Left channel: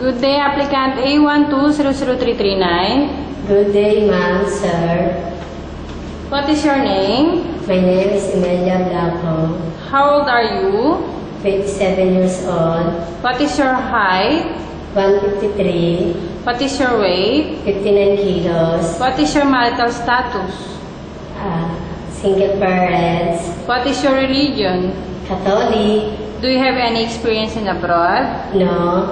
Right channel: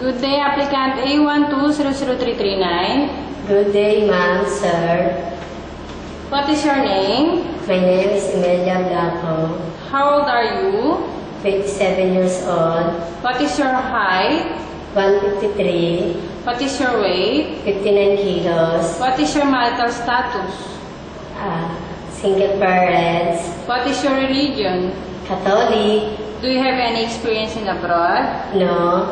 Good day, applicant A12000339. Good day, ma'am, sir. What is your name? My name is Emilia Blanco, How old are you? 27 years old, What is your height? 153, What is your weight? 59 kilos, What is your marital status? single parents, What is your religion? Catholic, Do you have any experience in abroad? no,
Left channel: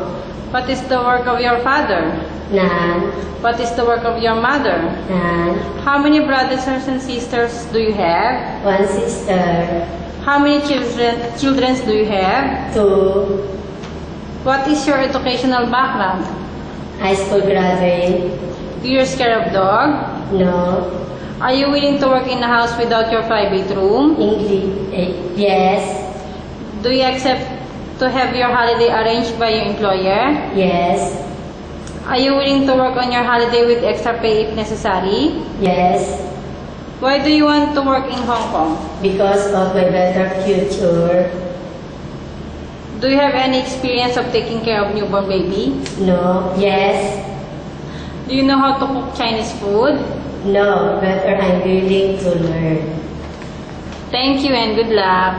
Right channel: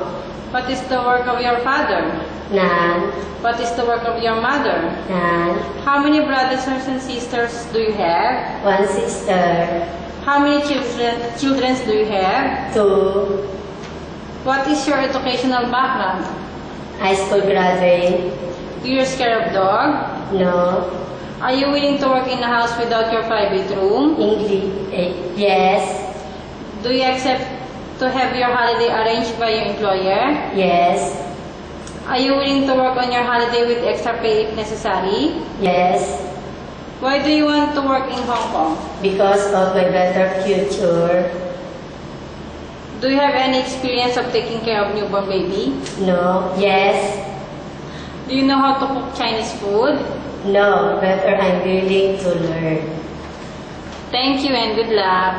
What is the work of your father? none, What is the work of your mother? none, How many brothers and sisters do you have? one sister, How many children do you have? 2, What is your educational background? high school graduate, Do you scare of dog? no, Are you willing to work in a house without your private room? English, yes, Do you accept to have your holiday arranged by your employer? yes, Are you willing to work on your holiday with extra pay if necessary? yes, Why do you want to work in Hong Kong? because of my better future, Do you have any experience of taking care of newborn baby? no, yes, Do you know how to cook Chinese food? no, better I'm willing to learn. Thank you and good luck.